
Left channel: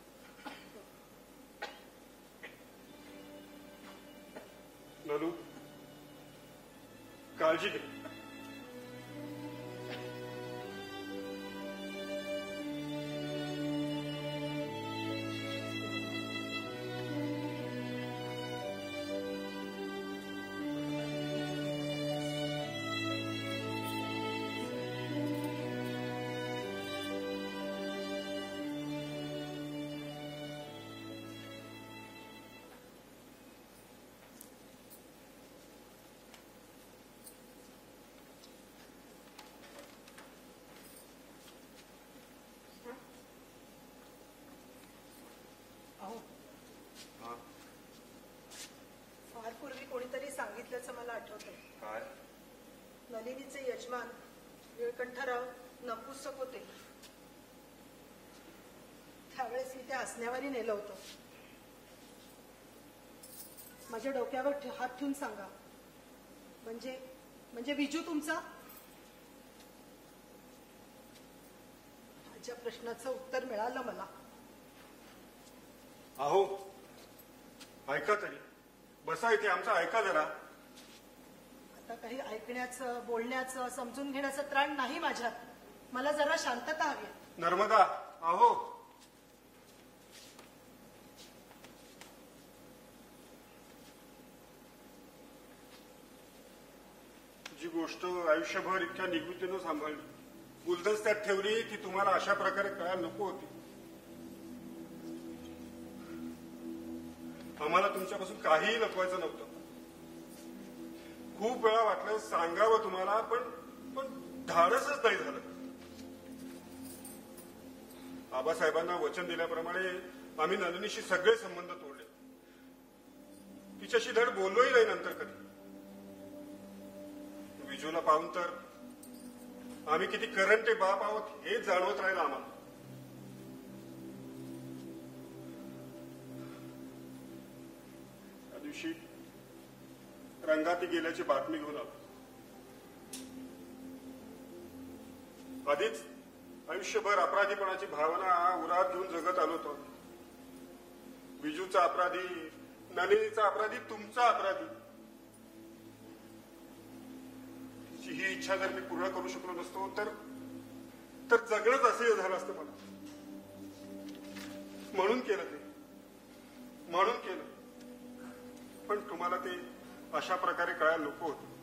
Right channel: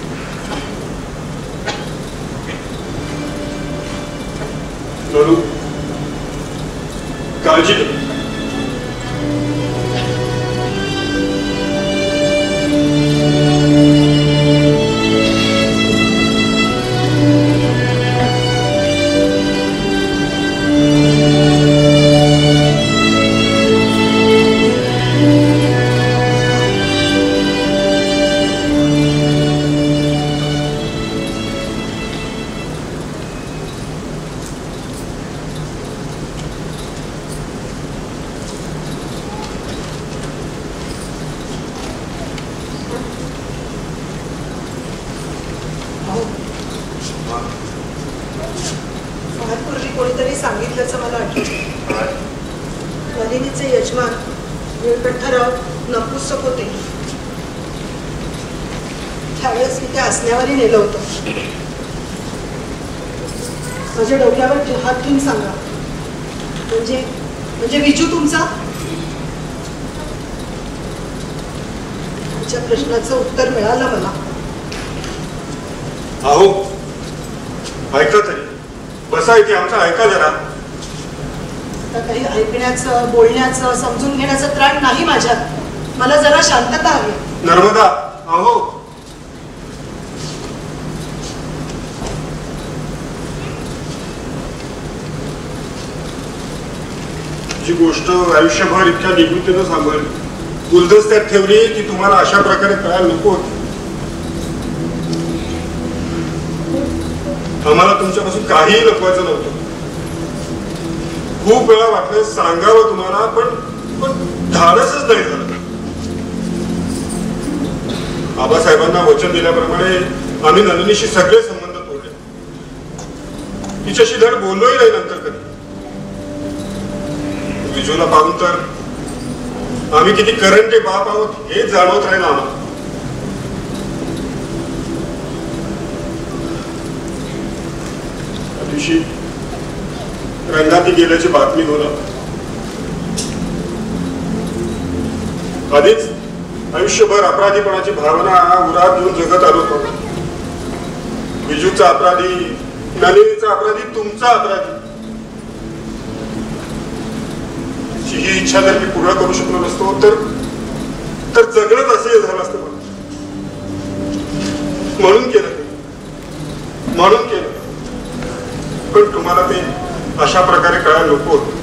नोलू, काळजी घे. कोणीतरी सांगितल्याचं मला आठवतं. नलिनीचे यजमान व्यंकटराव नपुंसक होते. त्यावेळेस मी त्या हसण्यावरही नेलं होतं. माझ्या डोक्यावर हात ठेवून सांगा, म्हणजे विजू तुमचा? तुमच्या प्रश्नाचं उत्तर मिळालं मला. अहो ऐका तरी, बसा इथे, आमचं ऐका जरा. आता काही ऐकण्याचं, बोलण्याचं, समजून घेण्याचं त्राण नाही माझ्यात. मला जरा शांतता हवी. नर्मदा, अहो जी गोष्ट आयुष्यभर इतक्या निगुतीनं सांभाळली, गुलदस्त्यात ठेवली की तुम्हाला अशा प्रकारे कळायला नको होती. आम्हाला तुमच्यापासून काहीही लपवायचं नव्हतं. खूप वेळा वाटलं सांगावं तुम्हाला, पण धाडसच नाही झालं. आबासाहेबांना वचन दिल्याप्रमाणे आम्ही नलिनीशी सगळे संबंध तोडले. तिच्याशी धड बोललोही नाही नंतर कधी. विजूला पाहून तर आम्ही किती करंटे बाप आहोत हे जाणवत राहील आम्हाला. रंगाती गेल्याची बातमी होणार. आधीच आयुष्यभर अपराधीपणाची भावना उरात घेऊन जगत आलो होतो. विजूचा अपराधी, नलिनीचा अपराधी, तुमचा अपराधी. ही इच्छा जर मी पूर्ण करू शकलो नसतो तर जगणंच असे झालं असतं. म्हणून केलं. पण तुम्हाला ते अशा प्रकारे कळायला नको होतं.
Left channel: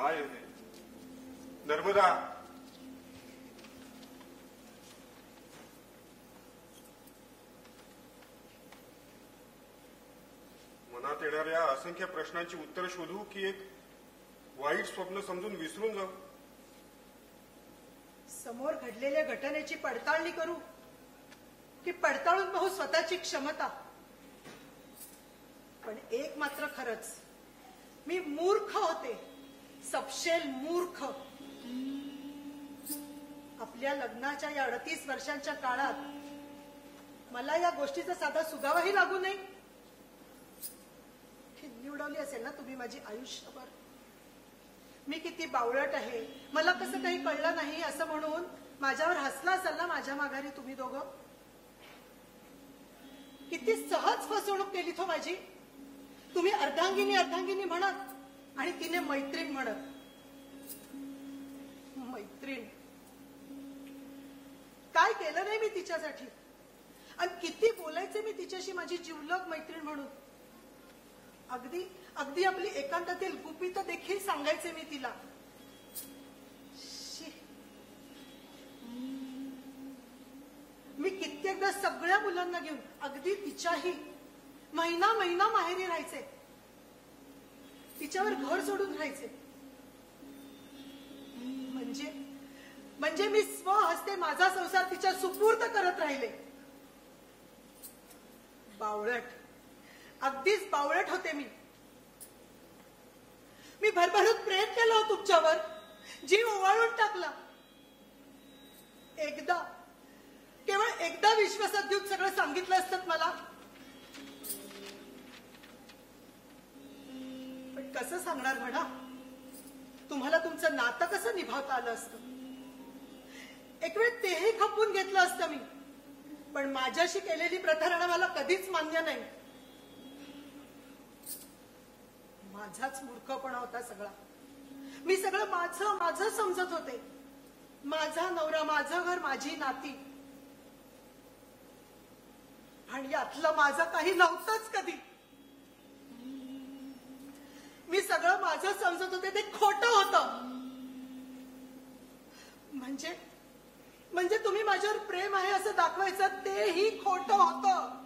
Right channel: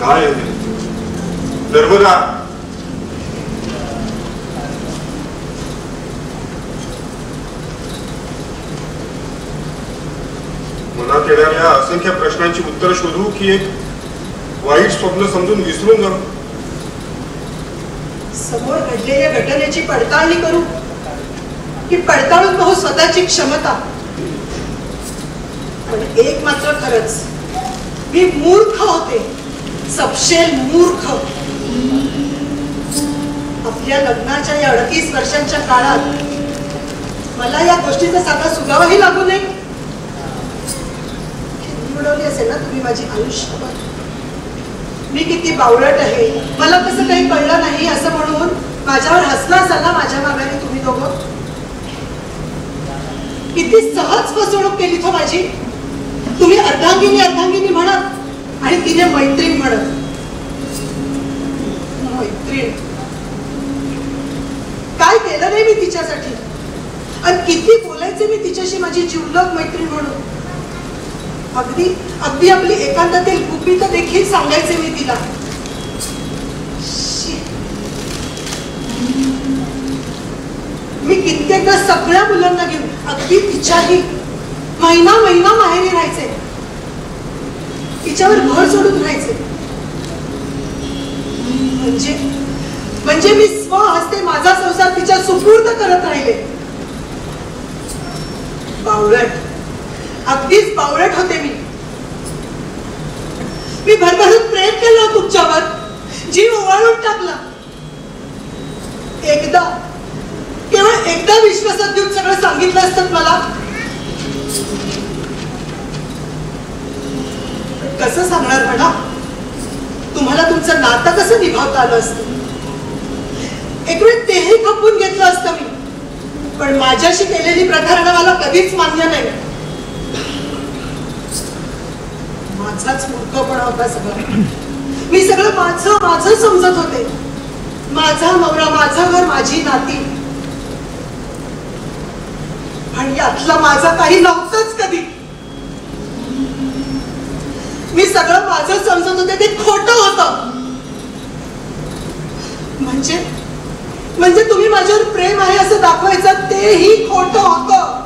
काय नर्मदा, मनात येणाऱ्या असंख्य प्रश्नांची उत्तर शोधू की एक वाईट स्वप्न समजून विसरून जाऊ? समोर घडलेल्या घटनेची पडताळणी करू की पडताळून पाहू स्वतःची क्षमता? पण एक मात्र खरंच, मी मूर्ख होते, सपशेल मूर्ख. आपल्या लग्नाच्या या 38 वर्षांच्या काळात मला या गोष्टीचा साधा सुगावाही लागू नये. उडवली असेल ना तुम्ही माझी आयुष्यभर. मी किती बावळट आहे, मला कसं काही कळलं नाही असं म्हणून माझ्यावर हसला असाल ना माझ्या मागाने तुम्ही दोघं. किती सहज फसवणूक केली तो माझी. तुम्ही अर्धांगिनी अर्धांगिनी म्हणत आणि तिने मैत्रीण म्हणत. मैत्रीण काय केलं नाही मी तिच्यासाठी, आणि किती बोलायचे मी तिच्याशी माझी जीवलग मैत्रीण म्हणून. अगदी अगदी आपली एकांतातील गुपित देखील सांगायचे मी तिला. मी कित्येकदा सगळ्या मुलांना घेऊन अगदी तिच्याही महिना महिना माहेरी राहायचे, तिच्यावर घर सोडून राहायचे. म्हणजे मी स्वहस्ते माझा संसार तिच्या सुपूर्द करत राहिले. बावळट, अगदीच बावळट होते मी. मी भरभरून प्रेम केलं तुमच्यावर, जीव ओवाळून टाकला. एकदा, केवळ एकदा विश्वासात घेऊन सगळं सांगितलं असतं मला. कसं सांगणार म्हणा तुम्हाला तुमचं नातं कसं निभावता आलं असतं. एक वेळ तेही खपवून घेतलं असतं मी, पण माझ्याशी केलेली प्रकरणं मला कधीच मान्य नाही. माझाच मूर्खपणा होता सगळं. मी सगळं माझं माझं समजत होते. माझा नवरा, माझं घर, माझी नाती, आणि यातलं माझं काही नव्हतंच कधी. मी सगळं माझं समजत होते, ते खोटं होतं. म्हणजे तुम्ही माझ्यावर प्रेम आहे असं दाखवायचं तेही खोटं होतं.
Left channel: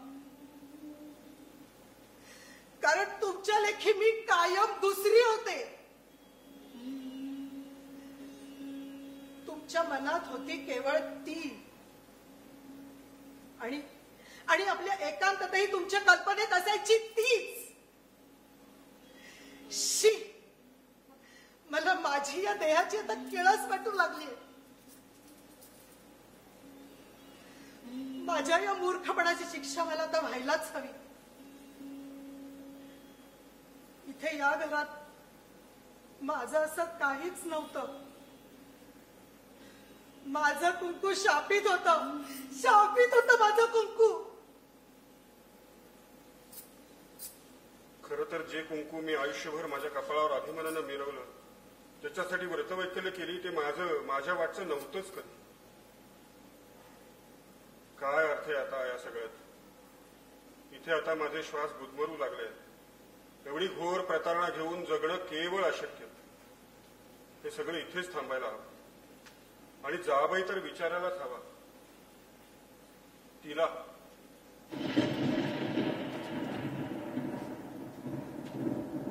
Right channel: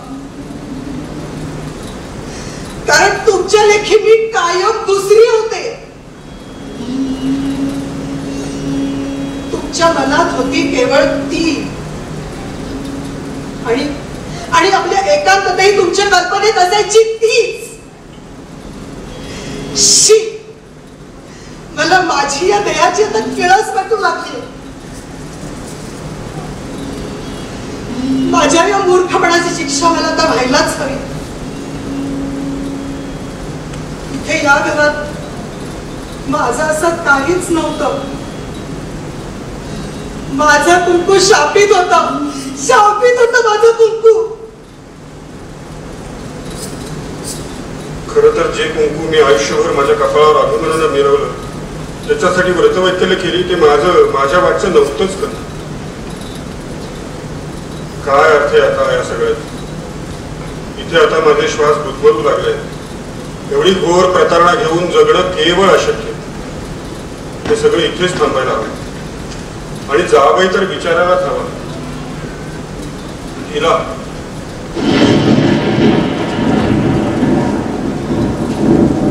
कारण तुमच्या लेखी मी कायम दुसरी होते. तुमच्या मनात होती केवळ ती, आणि आपल्या एकांततही तुमच्या कल्पनेत असायची तीच. शी, मला माझी या देहाची आता किळस वाटू लागली. माझ्या या मूर्खपणाची शिक्षा मला आता व्हायलाच हवी. इथे या घरात माझं असं काहीच नव्हतं. माझा कुंकू शापित होता, शापित होता माझं कुंकू. खरं तर जे कुंकू मी आयुष्यभर माझ्या कपाळावर अभिमानानं मिरवलं, त्याच्यासाठी व्रतवैकल्य केली, ते माझ्या वाटचं नव्हतंच कधी. काय अर्थ आहे आता या सगळ्यात. इथे आता माझे श्वास गुदमरू लागले. एवढी घोर प्रतारणा घेऊन जगणं केवळ अशक्य. हे सगळं इथेच थांबायला हवं, आणि जावई तर विचारायलाच हवा. हिला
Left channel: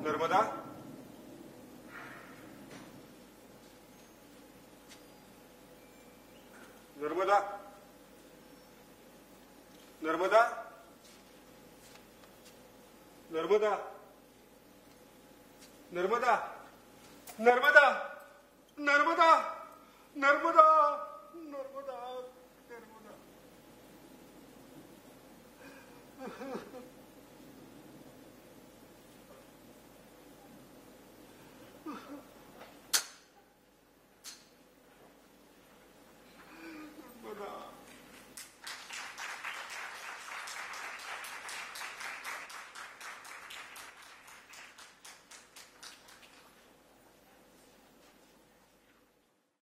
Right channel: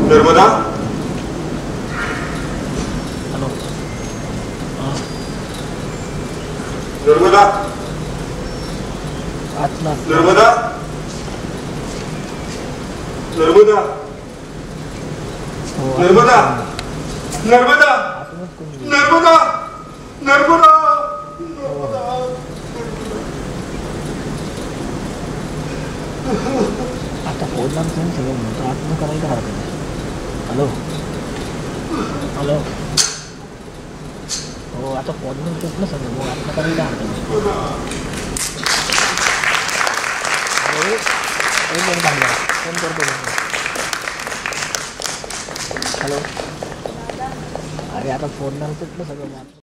नर्मदा, नर्मदा, नर्मदा, नर्मदा, नर्मदा, नर्मदा, नर्मदा, नर्मदा. आता फोन लागतो सगळं म्हणतो, आत्म करायला हरकत नाही. हॅलो हॅलो, हो आता फोन तुटलं सगळं, मग आत्म करायला हरकत नाही. फोन करतो. हॅलो, अरे आता फोन तुटलं सगळं.